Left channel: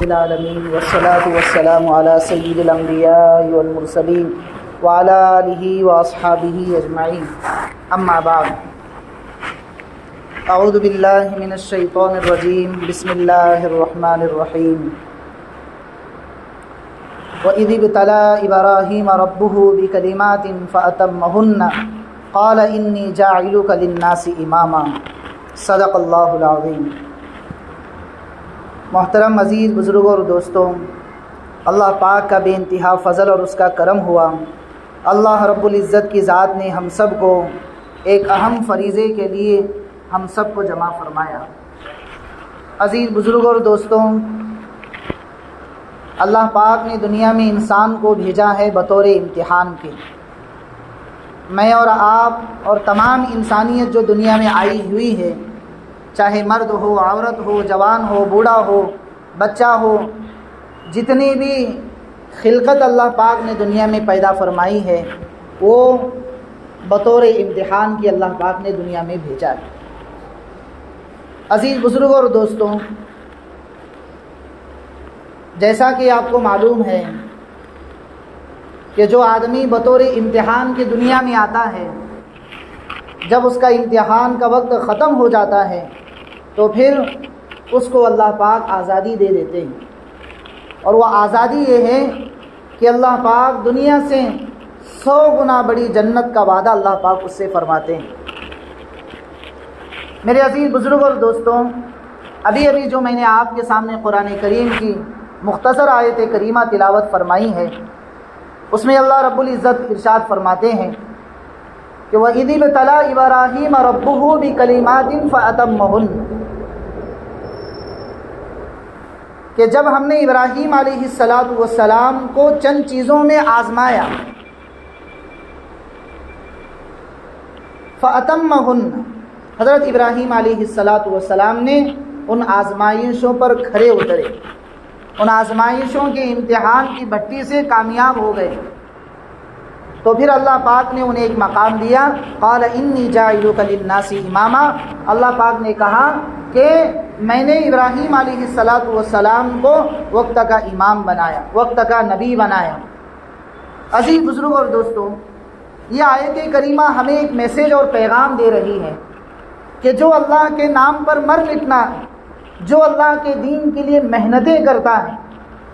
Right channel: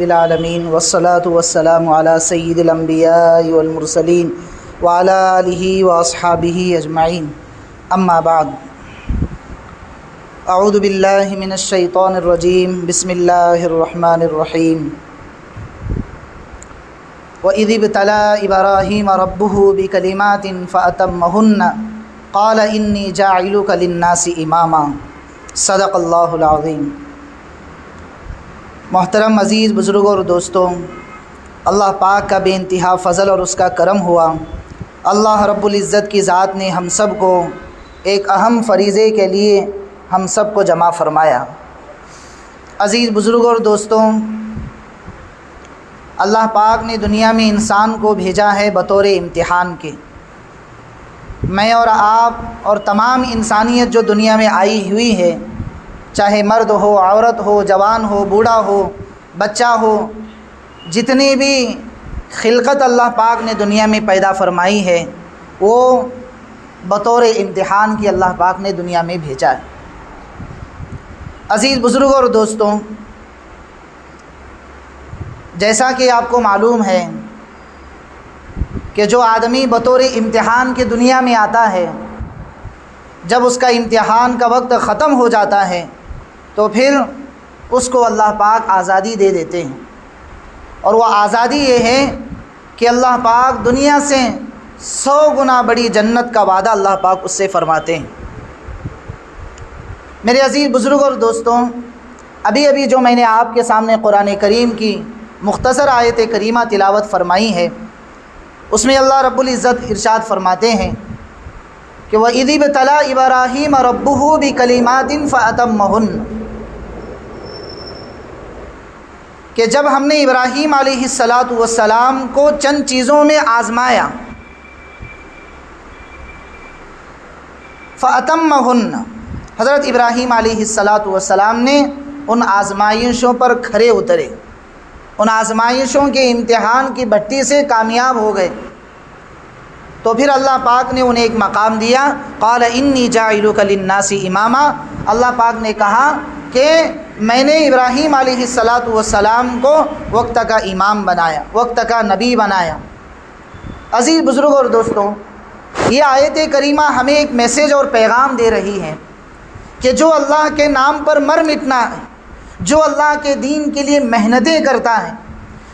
العالمین والصلاة والسلام علی سید الانبیاء والمرسلین وعلی آلہ واصحابہ اجمعین اما بعد اعوذ باللہ من الشیطان الرجیم بسم اللہ الرحمن الرحیم وَإِذِ ابْتَلَىٰ إِبْرَاهِيمَ رَبُّهُ بِكَلِمَاتٍ فَأَتَمَّهُنَّ قَالَ إِنِّي جَاعِلُكَ لِلنَّاسِ إِمَامًا صدق اللہ العظیم۔ محترم عزیز بزرگوں اور دوستوں، اللہ پاک کا بے انتہا فضل اور اس کا کرم ہوا۔ اللہ رب العزت کی ذات نے ہم سب کو ایک اہم فریضے کے لیے ہم سب کو جمع فرمایا۔ عزیز بزرگوں اور دوستوں، اللہ پاک نے دنیا میں انسان کو بھیجا ہے بطور امتحان کے۔ میں اور آپ اور تمام انسانیت جو دنیا میں آئی ہوئی ہے، چاہے مرد ہو، عورت ہو، جوان ہو، بوڑھا ہو، بچہ ہو، جتنی بھی خلقت اللہ پاک نے دنیا میں پیدا فرمائی ہے وہ بطور امتحان کی اللہ پاک نے دنیا میں بھیجا ہے۔ عزیز بزرگوں اور دوستوں، جیسا کہ آپ کو معلوم ہے کہ جو آدمی بطور امتحان کے دنیا میں آتا ہے، جب اس کا امتحان کا وقت ختم ہو جاتا ہے تو پھر اس کو اللہ پاک آزادی دے دیتے ہیں، اور وہ آزادی یہ ہے کہ اللہ پاک دنیا سے 100 گنا بڑی جنت کا وعدہ اللہ پاک اس سے فرماتے ہیں۔ میرے عزیز بزرگ اور دوستوں، ابھی جو میں نے آپ کے سامنے قرآن کریم کی مختصر آیت کریمہ تلاوت فرمائی ہے، اس میں اللہ رب العزت ارشاد فرماتے ہیں کہ وَإِذِ ابْتَلَىٰ إِبْرَاهِيمَ رَبُّهُ بِكَلِمَاتٍ فَأَتَمَّهُنَّ، کہ جب ہم نے ابراہیم علیہ السلام کو چند چیزوں میں آزمایا، فَأَتَمَّهُنَّ، حضرت ابراہیم علیہ السلام نے ان آزمائشوں پر کھرے اترے، ان آزمائشوں کے امتحان کی بھٹی سے کامیاب ہو گئے، تو پھر اللہ پاک نے انہیں ایک مقام دیا۔ قال انی جاعلک للناس اماما، اللہ پاک نے کہا کہ میں نے ابراہیم علیہ السلام کو وقت کا امام بنایا، وقت کا نبی بنایا۔ عزیز بزرگ اور دوستوں، یہ آیت کریمہ ہمیں ایک میسیج اور پیغام دے رہی ہے کہ جو اللہ کے نام پر مر مٹنا ہے، جو اللہ کے دین کے لیے محنتیں کرتا ہے،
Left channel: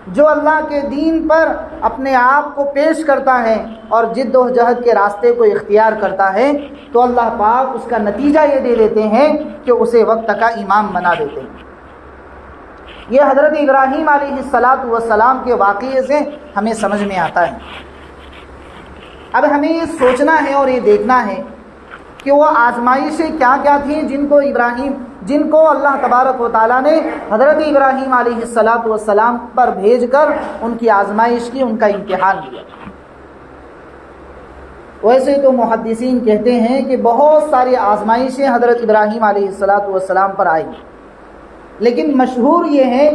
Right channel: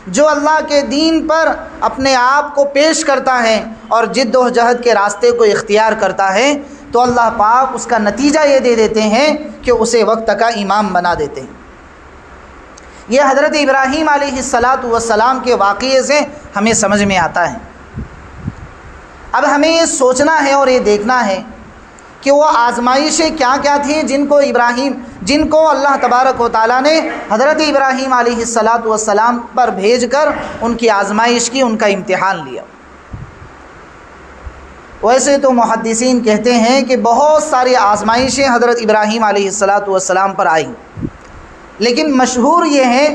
جو اللہ کے دین پر اپنے آپ کو پیش کرتا ہے اور جد و جہد کے راستے کو اختیار کرتا ہے، تو اللہ پاک اس کا نتیجہ یہ دے دیتے ہیں کہ اسے وقت کا امام بنا دیتے ہیں۔ یہ حضرت ابراہیم علیہ السلام کے واقعے سے ہمیں سمجھ میں آتا ہے۔ اب ہمیں یہ سوچنا ہے اور یہ دیکھنا ہے کہ وہ آزمائشیں کیا کیا تھیں جن کو اللہ تبارک و تعالیٰ نے حضرت ابراہیم علیہ السلام پر بھیج کر ان کی آزمائش کی، ان کا امتحان لیا۔ ویسے تو محدثین کہتے ہیں کہ بہت ساری آزمائشیں حضرت ابراہیم علیہ السلام پر آئیں، لیکن مشہور یہ ہے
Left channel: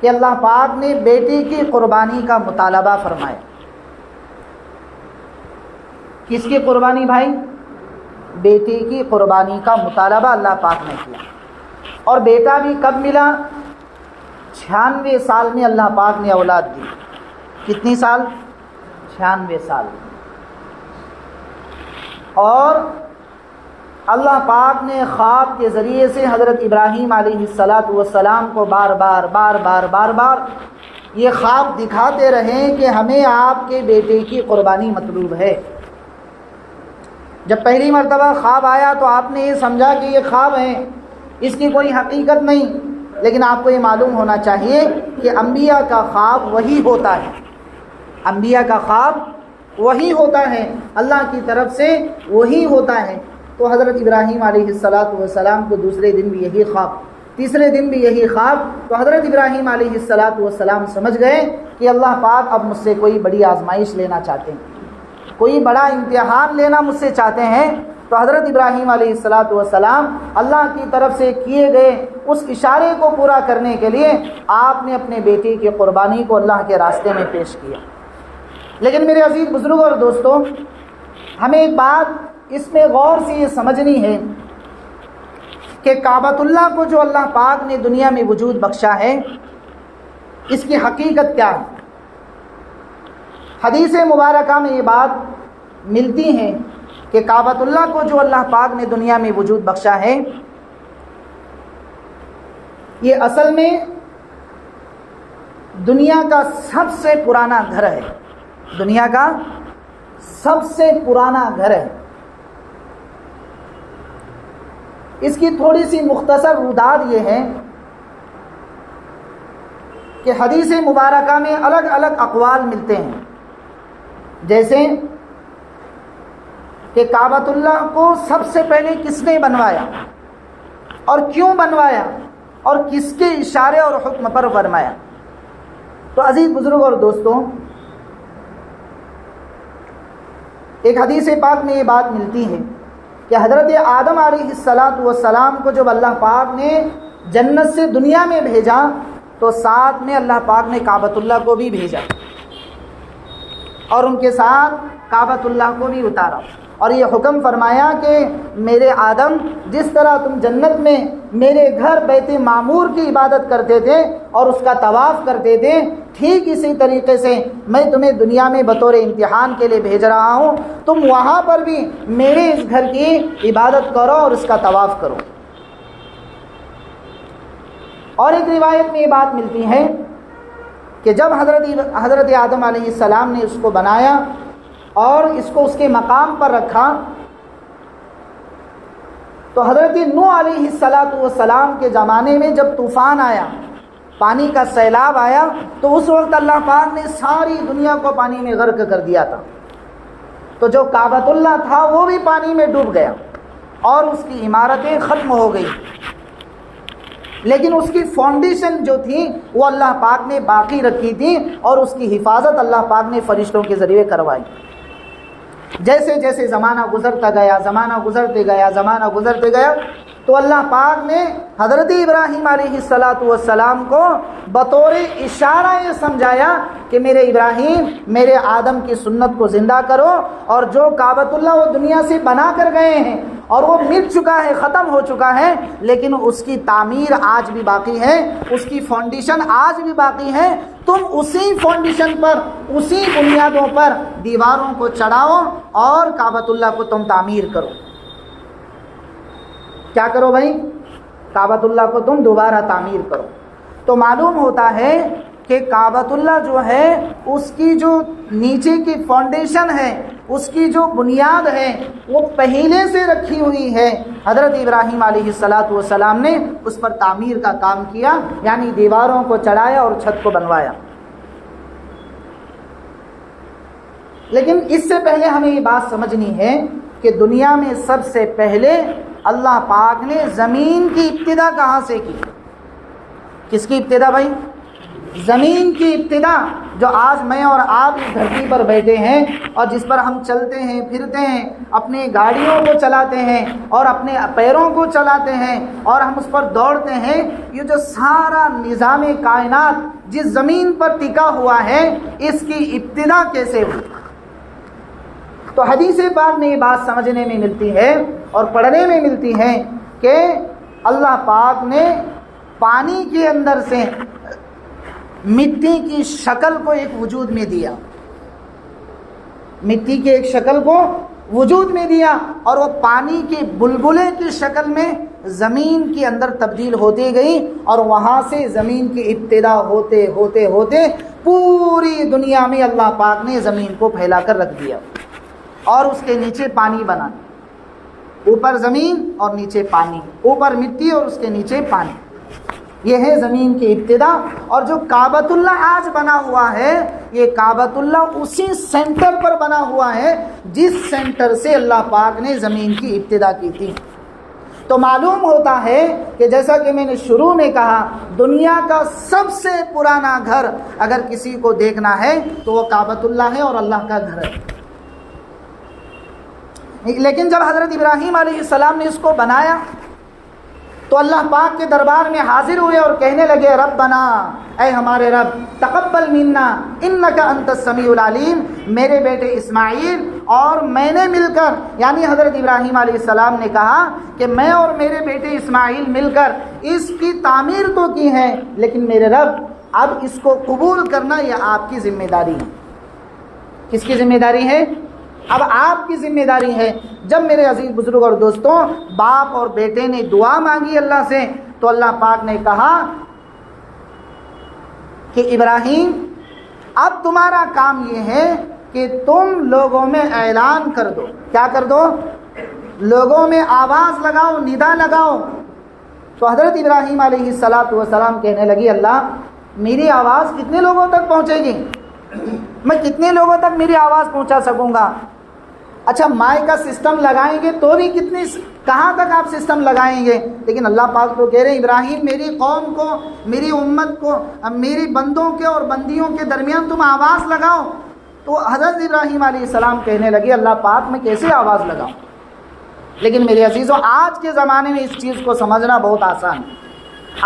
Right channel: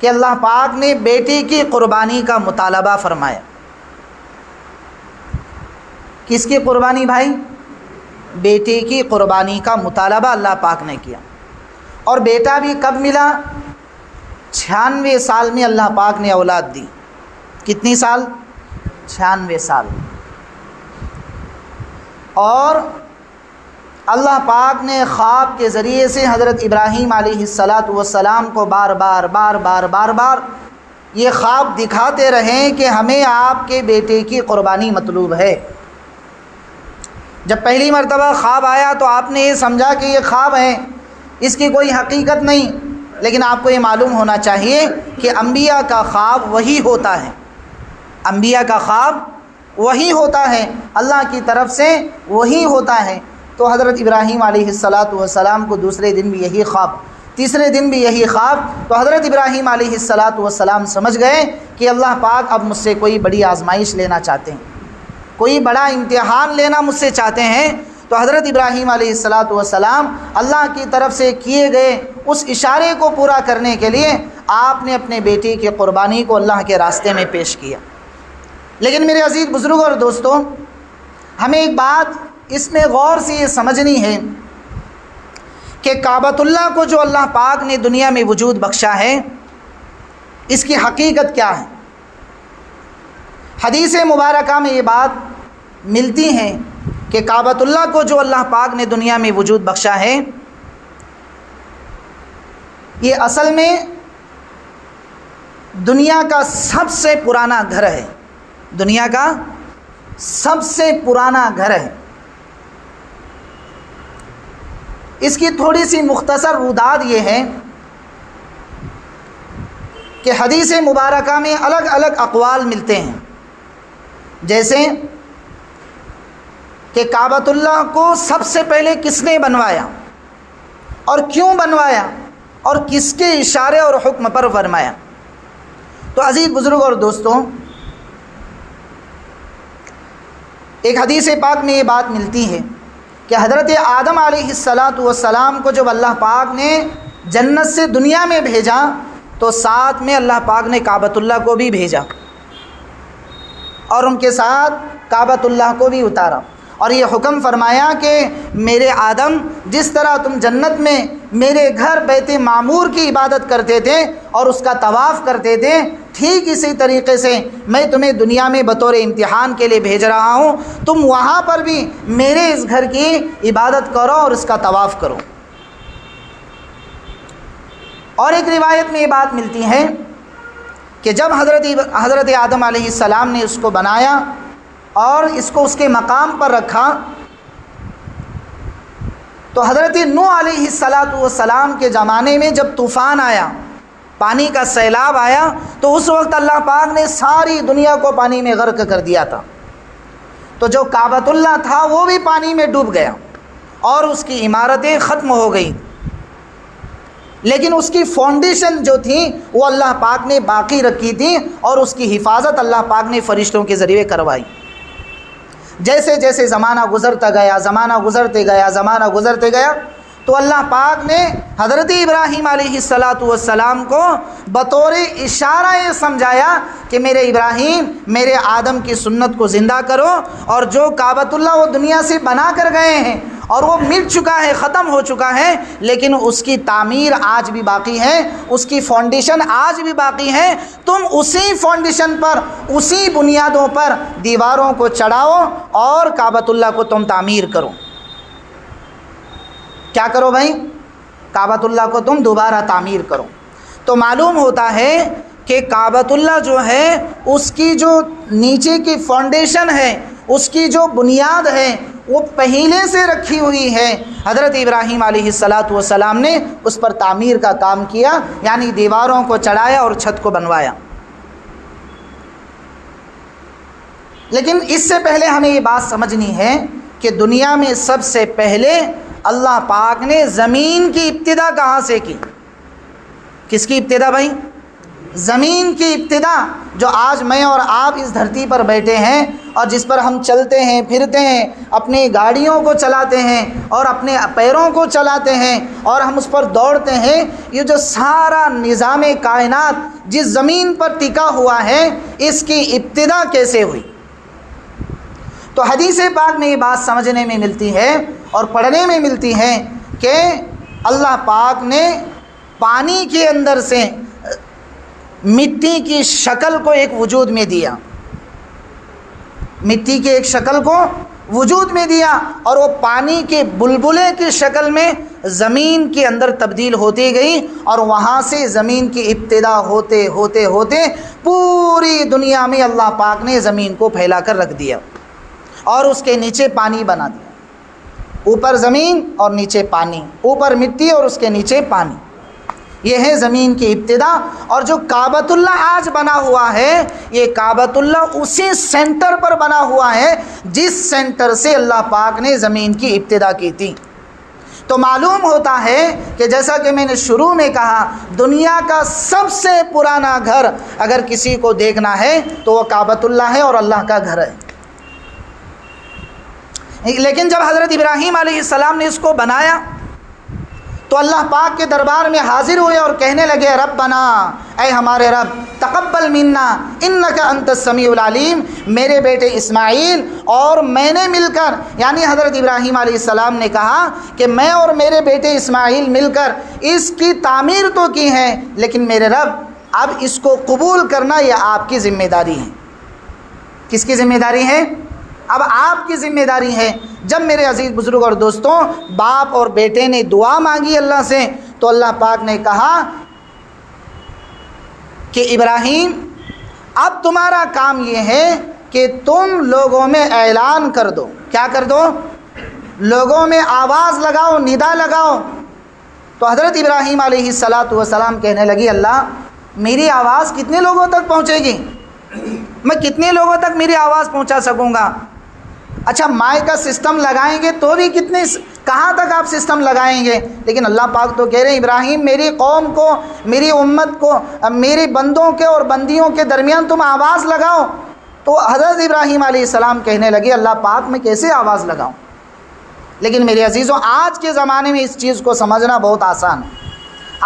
کہ اللہ پاک نے بیٹے کی قربانی کا مطالبہ فرمایا۔ کس کی قربانی بھائی؟ بیٹے کی قربانی کا مطالبہ اللہ پاک نے کیا، اور بیٹا بھی کب ملا؟ 96 سال میں اللہ پاک نے اولاد دی۔ کتنی سال؟ 96 سال۔ اور اللہ پاک نے خواب کے ذریعے سے حضرت ابراہیم علیہ السلام کو بار بار یہ خواب دکھاتے رہے کہ ہمیں آپ کے بیٹے کی قربانی مطلوب ہے۔ جب پہلی مرتبہ خواب آیا تو آپ نے یہ سمجھا کہ یہ خواب ہے، اس کی کوئی حقیقت نہیں، لیکن آپ کو یہ معلوم ہونا چاہیے کہ انبیاء کا خواب وہی ہوتا ہے، انبیاء کا خواب وہی ہوتا ہے، اللہ کی طرف سے وہی ہوتا ہے۔ تو حضرت ابراہیم علیہ السلام کو دوسرے دن بھی یہی خواب، تیسرے دن بھی یہی خواب، تو حضرت ابراہیم علیہ السلام سمجھ گئے کہ اللہ پاک اب مجھ سے کوئی بڑی آزمائش لینا چاہتے ہیں، کوئی بڑا امتحان لینا مجھ سے چاہتے ہیں۔ تو حضرت ابراہیم علیہ السلام اللہ کی طرف سے کیے گئے اس اشارے کو پورا کرنے کے لیے آپ نے اپنے بیٹے کی قربانی کو اللہ کے راستے میں پیش کیا۔ لیکن میرے عزیز بزرگوں اور دوستوں، ہمیں ایک بات اس میں غور سے یہ سمجھنی ہے کہ کعبۃ اللہ کو جو اللہ پاک نے دنیا میں وجود بخشا ہے، اس کی حقیقت کیا ہے؟ حدیث مبارکہ میں یہ بات ملتی ہے کہ کعبۃ اللہ کو جو اللہ پاک نے دنیا میں وجود بخشا ہے، یہ اصل میں دنیا کا سب سے پرانا گھر ہے، دنیا کا سب سے پرانا گھر ہے۔ اس کی تھوڑی سی مختصر روداد یہ ہے کہ حدیث مبارکہ میں الگ الگ اقوال ملتے ہیں، جیسے کہ کعبۃ اللہ کو سب سے پہلے کس نے بنوایا اور کیوں بنوایا اور کس کے اشارے اور حکم پر فرمایا۔ تو عزیز بزرگ اور دوستوں، ایک حدیث پاک میں یہ بات ملتی ہے کہ حضرت آدم علیہ السلام کو جب اللہ پاک نے جنت سے دنیا میں بھیجا تو ساتھ میں اللہ پاک نے کعبۃ اللہ کو بھی بھیجا اور ان کے ساتھ کعبۃ اللہ کو بھی اتارا، اور یہ حکم فرمایا کہ میرے آدم، جس طرح تم جنت میں میرے گھر بیت معمور کی عبادت کرتے تھے اور اس کا طواف کرتے تھے، ٹھیک اسی طریقے سے میں تمہیں دنیا میں بطور امتحان کے لیے بھیج رہا ہوں، تم وہاں پر بھی میرے اس گھر کی عبادت کرو اور اس کا طواف کرو۔ اور ایک روایت میں یہ بات ملتی ہے کہ جب حضرت آدم علیہ السلام نے اس کو بنایا اور اس کو اس کے مقام پر رکھا، تو حضرت نوح علیہ السلام کے زمانے میں جب طوفان آیا، پانی کا سیلاب آیا، تو اس وقت اللہ پاک نے ساری دنیا کو پانی میں غرق کر دیا تھا، تو جو کعبۃ اللہ تھا وہ بھی پانی میں ڈوب گیا اور اس کی عمارتیں ختم ہو گئی، لیکن اس کی فاؤنڈیشن جو تھی وہ اللہ پاک نے باقی رکھی تھی اور اس کی حفاظت اللہ پاک نے فرشتوں کے ذریعے کروائی۔ جیسے جیسے زمانہ گزرتا گیا، زمانہ گزرتے گیا تو اللہ پاک نے حضرت ابراہیم علیہ السلام کو بطور اشارہ یہ سمجھایا کہ میرے ابراہیم، میرے آدم کی سنت کو زندہ کرو، اور جو کعبۃ اللہ وہ دنیا سے بنا کر گئے ہیں اور وہ مٹ چکا ہے، ختم ہو چکا ہے، لیکن اس کی تعمیر آج بھی باقی ہے، اس کی فاؤنڈیشن آج بھی باقی ہے، تم اسی فاؤنڈیشن پر، اسی بنیادوں پر دیواروں کو چڑھاؤ اور کعبۃ اللہ کو تم تعمیر کرو۔ کیا کرو بھائی؟ کعبۃ اللہ کو تم دوبارہ تعمیر کرو۔ تو معلوم ہوتا ہے کہ کعبۃ اللہ جو ہے اس کی جو نیچے کی فاؤنڈیشن ہے، اس کی جو بنیاد ہے وہ پہلے سے رکھی ہوئی ہے۔ حضرت ابراہیم علیہ السلام نے اس پر تعمیر کا کام کیا، یعنی دیواروں کو چڑھایا اور چھت کو بنوایا۔ لیکن اس سے پہلے ہمیں یہ بات سمجھنی ہے کہ دنیا میں سب سے پہلے اللہ پاک نے زمین کی ابتدا کہاں سے کی؟ کس کی ابتدا بھائی؟ زمین کی ابتدا، جو آج میں اور آپ اس دھرتی پر بیٹھے ہیں اور جس پر ہم چلتے ہیں، پھرتے ہیں، اپنی گاڑیوں کو چلاتے ہیں اور اپنے پیروں کو چلاتے ہیں اور ہم اس پر دوڑتے ہیں، یہ جو سارا نظام کائنات جس زمین پر ٹکا ہوا ہے، اس کی ابتدا کیسے ہوئی؟ تو حدیث پاک میں یہ بات سمجھنے میں ملتی ہے اور پڑھنے میں ملتی ہے کہ اللہ پاک نے پانی کے اندر سے مٹی کی شکل کو ایک وجود میں دیا، مٹی کی ایک شکل کو وجود میں دیا، اور وہ پانی کے بلبلے کی شکل میں زمین کے اندر تبدیل ہوتی گئی، اور وہاں سے زمین کی ابتدا ہوتے ہوتے ہوتے پوری دنیا میں اللہ پاک نے زمین کو پھیلا کر رکھ دیا اور اس کے نیچے پانی بنا دیا۔ اوپر زمین اور نیچے پانی، اوپر مٹی اور اس کے نیچے پانی، یہ ہے زمین کی ابتدا۔ اور جو کعبۃ اللہ آج بنا ہوا ہے، یہ کعبۃ اللہ اسی سینٹر پر بنا ہوا ہے جس سینٹر سے اللہ پاک نے زمین کی ابتدا کی تھی۔ تو معلوم ہوتا ہے کہ جیسا کہ میں نے شروع میں کہا، دنیا کا سب سے پرانا گھر اگر کسی کو دیکھنا ہے تو وہ کعبۃ اللہ ہے اور اللہ کا گھر ہے۔ لیکن جب حضرت ابراہیم علیہ السلام نے اس کو بنایا تو اللہ پاک کے دربار میں حاضر ہوئے اور کہنے لگے، ربنا، اے ہمارے رب، تقبل منا انک انت السمیع العلیم، میرے بیٹے اسماعیل اور میں نے مل کر، یعنی حضرت ابراہیم علیہ السلام نے کہا کہ میں اور میرے بیٹے اسماعیل مل کر اس کی تعمیر تو کی ہے، لیکن میرے رب اب اس کو قبول کرنا یہ آپ کی ذمہ داری ہے۔ کس کی ذمہ داری ہے؟ اب آپ کی ذمہ داری ہے۔ جب میرے عزیز بزرگ اور دوستوں باپ اور بیٹے نے دعا مانگی اللہ سے تو اللہ پاک نے کہا کہ ابراہیم اب تمہارا کام یہ ہے کہ تم لوگوں میں اعلان کر دو۔ کیا کر دو؟ لوگوں میں آواز لگاؤ، ندا لگاؤ۔ تو حضرت ابراہیم علیہ السلام کہنے لگی اللہ میری آواز کتنے لوگوں تک پہنچے گی؟ میں کتنے لوگوں تک میری آواز پہنچا سکوں گا؟ اچھا مائک کا سسٹم لگائیں گے تو بھی کہاں تک آپ سسٹم لگائیں گے؟ لیکن اللہ پاک تو کہہ رہے ہیں ابراہیم میری قوم کو، میری امت کو، میرے بندوں کے اور بندیوں کے درمیان تم آواز لگاؤ۔ تو حضرت ابراہیم علیہ السلام کہنے لگے اللہ پاک میں کیسے آواز لگاؤں؟ لیکن میرے عزیزوں آج کے زمانے میں اس چیز کو سمجھنا بہت آسان ہے۔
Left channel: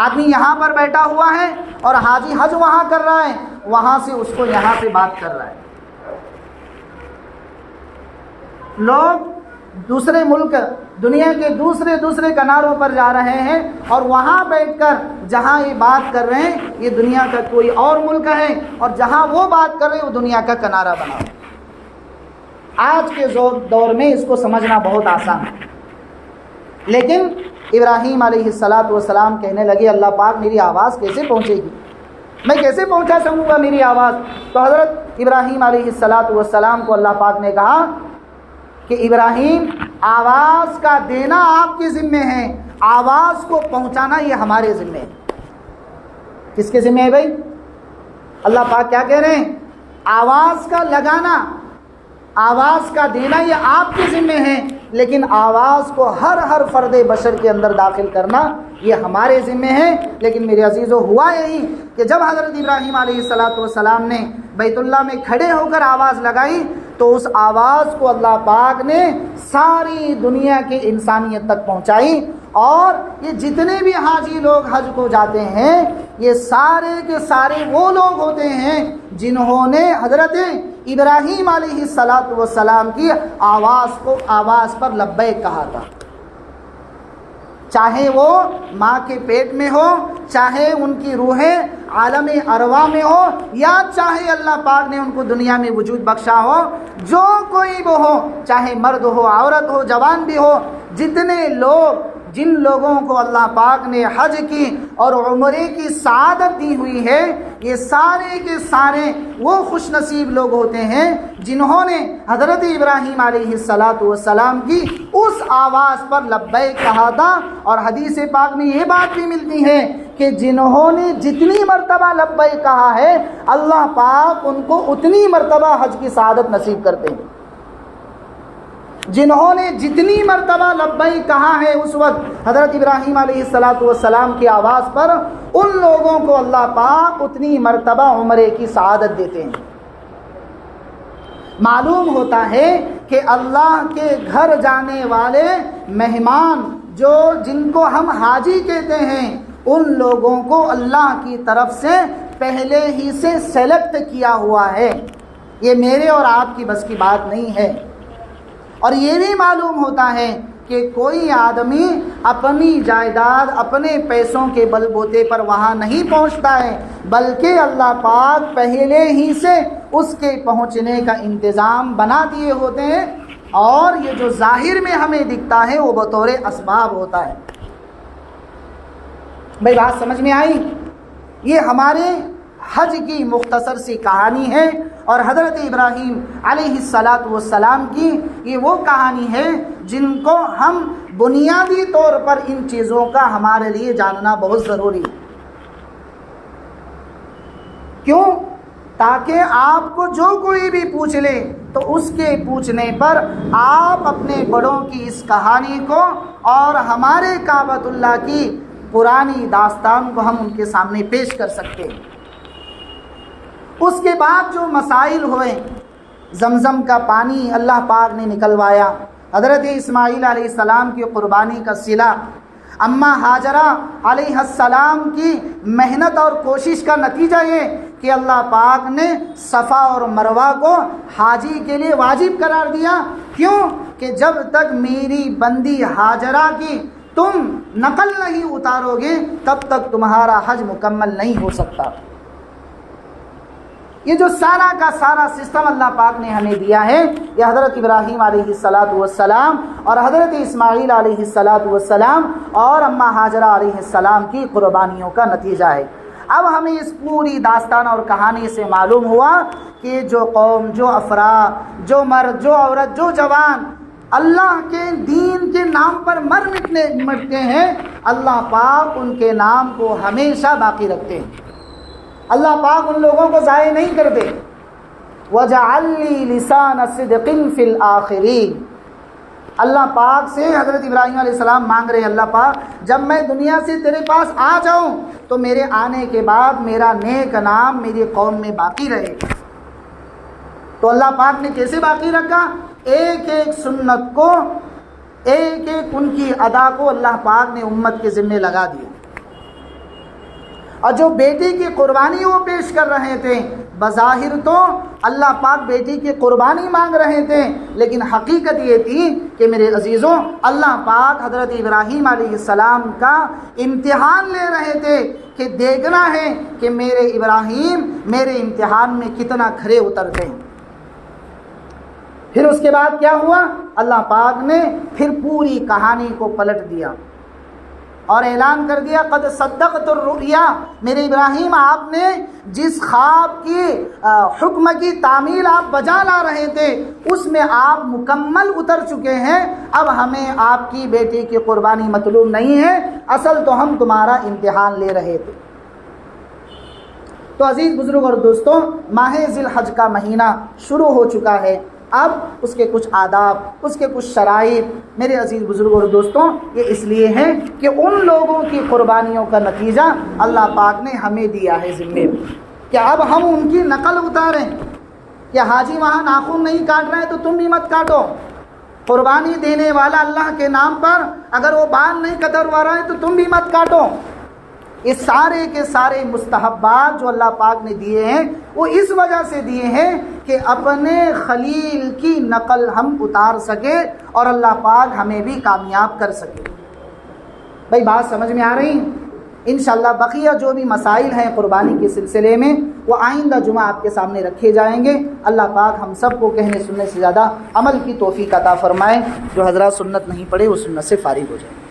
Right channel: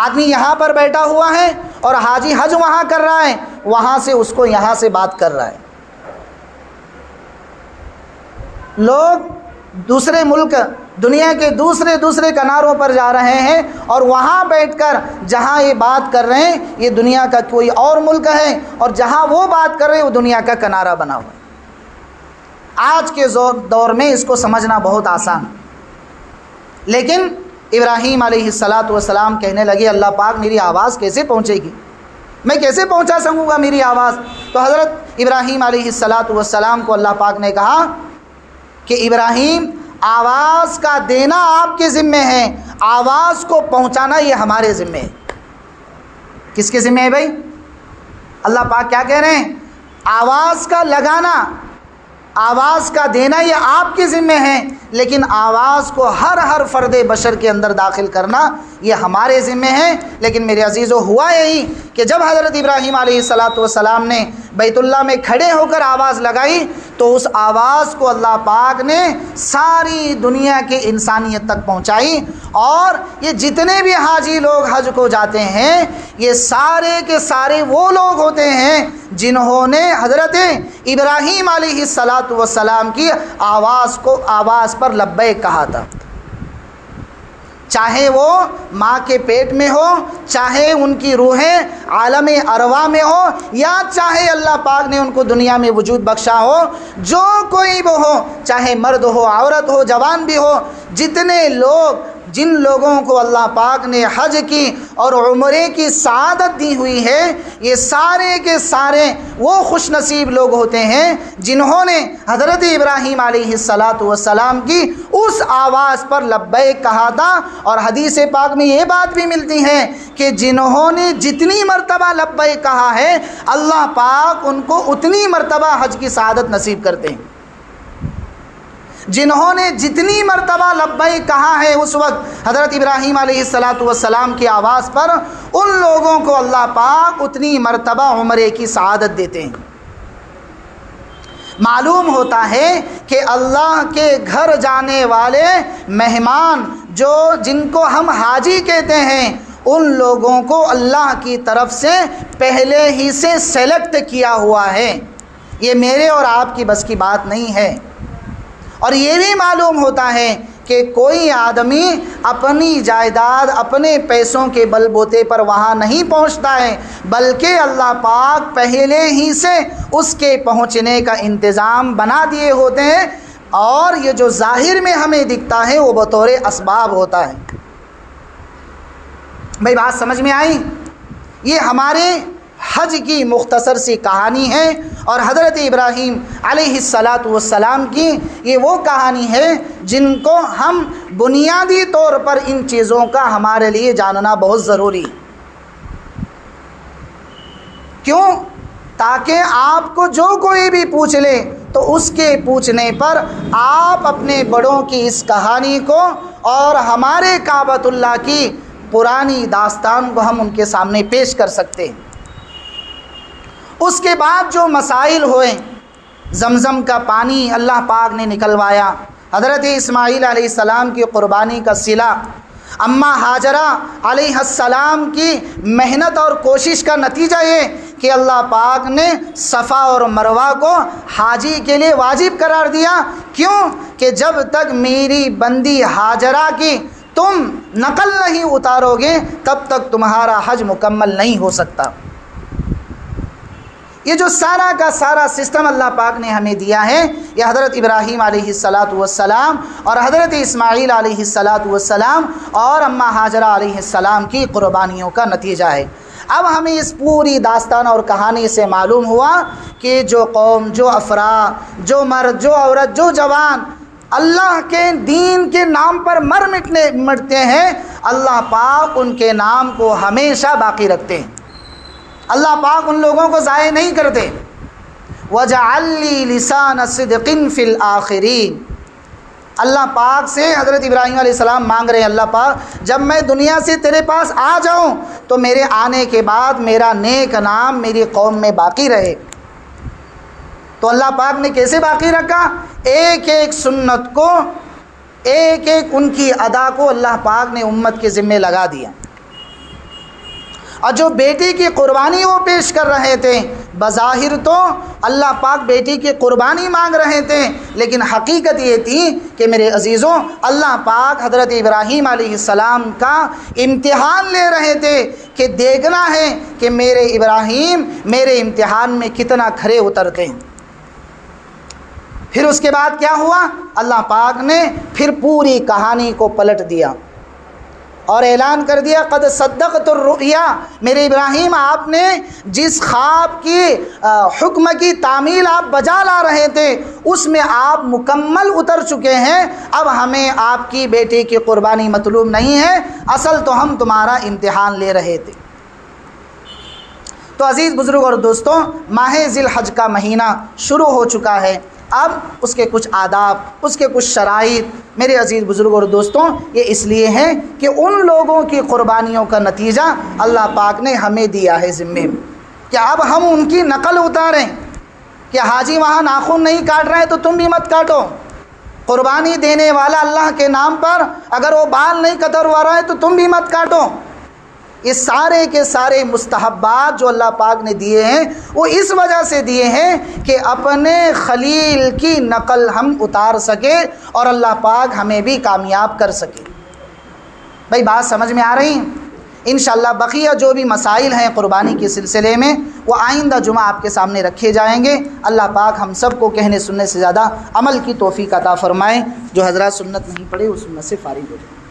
آدمی یہاں پر بیٹھا ہوا ہے اور حاجی حج وہاں کر رہا ہے، وہاں سے اس کو یہاں سے بات کر رہا ہے۔ لوگ دوسرے ملک دنیا کے دوسرے کناروں پر جا رہے ہیں اور وہاں بیٹھ کر جہاں یہ بات کر رہے ہیں یہ دنیا کا کوئی اور ملک ہے، اور جہاں وہ بات کر رہے ہیں وہ دنیا کا کنارہ بنا ہوا۔ آج کے دور میں اس کو سمجھنا بہت آسان ہے، لیکن ابراہیم علیہ السلام کہنے لگے اللہ پاک میری آواز کیسے پہنچے گی؟ میں کیسے پہنچا سکوں گا میری آواز؟ تو حضرت ابراہیم علیہ السلام کو اللہ پاک نے کہا کہ ابراہیم آواز کا دینا آپ کے ذمے ہے، آواز کو پہنچانا یہ ہمارے ذمے ہے۔ کس کے ذمے ہے بھائی؟ اللہ پاک کیا کہہ رہے ہیں؟ آواز کا لگانا، آواز کا دینا یہ آپ کے ذمے ہے، لیکن آواز کو ہر فرد بشر کے اندر داخل کرنا یہ ہمارے ذمے ہے۔ لیکن میرے عزیزو ہوا یہی کہ جب حضرت ابراہیم علیہ السلام نے بیت اللہ میں کھڑے ہو کر آواز لگائی تو اس آواز کو اللہ پاک نے ساری دنیا کے انسانیت تک پہنچائی، اور یہ جتنے بھی حاجی لوگ حج کو جاتے ہیں یہ سارے کے سارے وہ لوگ ہوتے ہیں جنہوں نے حضرت ابراہیم علیہ السلام کی آواز پر لبیک کہا تھا، چاہے وہ ماں کے پیٹ میں ہو، چاہے ان کی روحیں عالم ارواح میں ہو، یا چاہے اللہ پاک نے ان کو دنیا میں وجود بخشا ہو، جو کوئی بھی ہو، چاہے مرد ہو، عورت ہو، جوان بھی ہو، جن لوگوں کو اللہ پاک نے حج کی اور عمرے کی سعادت دی ہوئی ہے یہ سارے کے سارے وہ خوش نصیب لوگ ہوتے ہیں جنہوں نے حضرت ابراہیم علیہ السلام کی اس آواز پر لبیک کہا تھا۔ اور حدیث پاک میں یہ بات بھی ملتی ہے کہ جنہوں نے جتنی مرتبہ لبیک کہا ہے اللہ پاک ان کو اتنی مرتبہ حج کی سعادت نصیب کرتے ہیں۔ جنہوں نے جتنی مرتبہ لبیک کہا ہے اس وقت حضرت ابراہیم علیہ السلام کی آواز پر ان لوگوں کو اللہ پاک اتنی مرتبہ عمرے کی سعادت دیتے ہیں۔ معلوم ہوتا ہے کہ اللہ کے گھر جانے والے مہمان جن کو ہم حاجی کہتے ہیں ان لوگوں کو اللہ کی طرف سے پہلے ہی سے سلیکٹ کیا ہوا ہے، یہ میرے اور آپ کی بس کی بات نہیں ہے۔ اور یہ بھی معلوم ہوتا ہے کہ کوئی آدمی اپنی جائیداد اپنے پیسوں کے بل بوتے پر وہاں نہیں پہنچتا ہے، بلکہ اللہ پاک پہلے ہی سے اس کے پہنچنے کا انتظام بنا دیے ہوتے ہیں، اور یہ جو ظاہر میں ہمیں دکھتا ہے وہ بطور اسباب ہوتا ہے۔ بھئی بات سمجھ میں آئی؟ یہ ہمارے حج کی مختصر سی کہانی ہے، اور حضرت ابراہیم علیہ السلام کی یہ وہ کہانی ہے جن کو ہم بنیادی طور پر ان چیزوں کا ہمارے لیے جاننا بہت ضروری ہے۔ کیوں؟ تاکہ آپ کو جو کوئی بھی پوچھ لے تو اس کے پوچھنے پر آپ اپنے بڑوں کی اس کہانی کو اور ہمارے کعبۃ اللہ کی پرانی داستان کو ہم ان کے سامنے پیش کر سکتے ہیں۔ اس کے بعد جو مسائل ہوئے، زمزم کا پانی اللہ پاک نے نکلوایا، حضرت اسماعیل علیہ السلام کی قربانی کا صلہ، اماں ہاجرہ علیہ السلام کی محنت اور کوشش کا نتیجہ یہ کہ اللہ پاک نے صفا اور مروہ کو حاجی کے لیے واجب قرار دیا۔ کیوں؟ کہ جب تک میری بندی ہاجرہ کی تم نقل نہیں اتارو گے تب تک تمہارا حج مکمل نہیں ہو سکتا۔ یہ جو سارا کا سارا سسٹم اللہ پاک نے ہمیں دیا ہے، یہ حضرت ابراہیم علیہ السلام اور حضرت اسماعیل علیہ السلام اور اماں ہاجرہ علیہ السلام کی قربانیوں کا نتیجہ ہے۔ اب ہمیں اس پوری داستان اور کہانی سے معلوم ہوا کہ جو قوم، جو افراد، جو مرد، جو عورت، جو جوان اللہ کے دین کے نام پر مرتے ہیں، اللہ پاک ان کے نام کو ہمیشہ باقی رکھتے ہیں۔ اللہ پاک ان لوگوں کو ضائع نہیں کرتے۔ وَجَعَلْ لِي لِسَانَ صِدْقٍ فِي الْآخِرِينَ، اللہ پاک سے حضرت ابراہیم علیہ السلام مانگ رہے ہیں، اللہ پاک جب میں دنیا سے تیرے پاس آ جاؤں تو میرے آنے کے بعد میرا نیک نام میری قوم میں باقی رہے۔ تو اللہ پاک نے کیسے باقی رکھا؟ ایک ایک سنت کو، ایک ایک ان کی ادا کو اللہ پاک نے امت کے ذمے لگا دیا۔ اور جو بیٹی کی قربانی وہ پیش کر رہے تھے، بظاہر تو اللہ پاک بیٹی کی قربانی مانگ رہے تھے، لیکن حقیقت یہ تھی کہ میرے عزیزوں، اللہ پاک حضرت ابراہیم علیہ السلام کا امتحان لے رہے تھے کہ دیکھنا ہے کہ میرے ابراہیم میرے امتحان میں کتنا کھرے اترتے ہیں۔ پھر اس کے بعد کیا ہوا؟ اللہ پاک نے پھر پوری کہانی کو پلٹ دیا اور اعلان کر دیا، قد صدقت الرؤیا، میرے ابراہیم آپ نے جس خواب کی حکم کی تعمیل آپ بجا لا رہے تھے اس میں آپ مکمل اتر چکے ہیں، اب ہمیں آپ کی بیٹے کی قربانی مطلوب نہیں ہے، اصل تو ہم تمہارا امتحان لے رہے تھے۔ تو عزیز بزرگ اور دوستوں، ماہ ذی الحج کا مہینہ شروع ہو چکا ہے۔ اب اس کے کچھ آداب، اس کے کچھ شرائط میرے عزیز بزرگ اور دوستوں یہ اس لیے ہیں کہ ان لوگوں کی قربانیوں کا نتیجہ اللہ پاک نے ہمیں دیا ہے ذمے، کہ اب ہم ان کی نقل اتاریں کہ حاجی وہاں ناخن نہیں کاٹ رہا ہے تو تم بھی مت کاٹو، قربانی دینے والا اللہ کے نام پر اگر وہ بال نہیں کتروا رہا ہے تو تم بھی مت کاٹو۔ یہ سارے کے سارے مستحبات جو اللہ پاک نے دیے ہیں وہ اس وجہ سے دیے ہیں کہ اپنے خلیل کی نقل ہم اتار سکے اور اللہ پاک ہمیں بھی کامیاب کر سکے۔ بھائی بات سمجھ میں آ رہی؟ انشاءاللہ بقیہ جو بھی مسائل ہیں قربانی کے سلسلے میں وہ آئندہ جمعہ آپ کے سامنے رکھے جائیں گے۔ اللہ پاک ہم سب کو کہنے سننے سے زیادہ عمل کی توفیق عطا فرمائے۔ جو حضرات سنت نہیں پڑھے وہ سنت سے فارغ ہو جائیں۔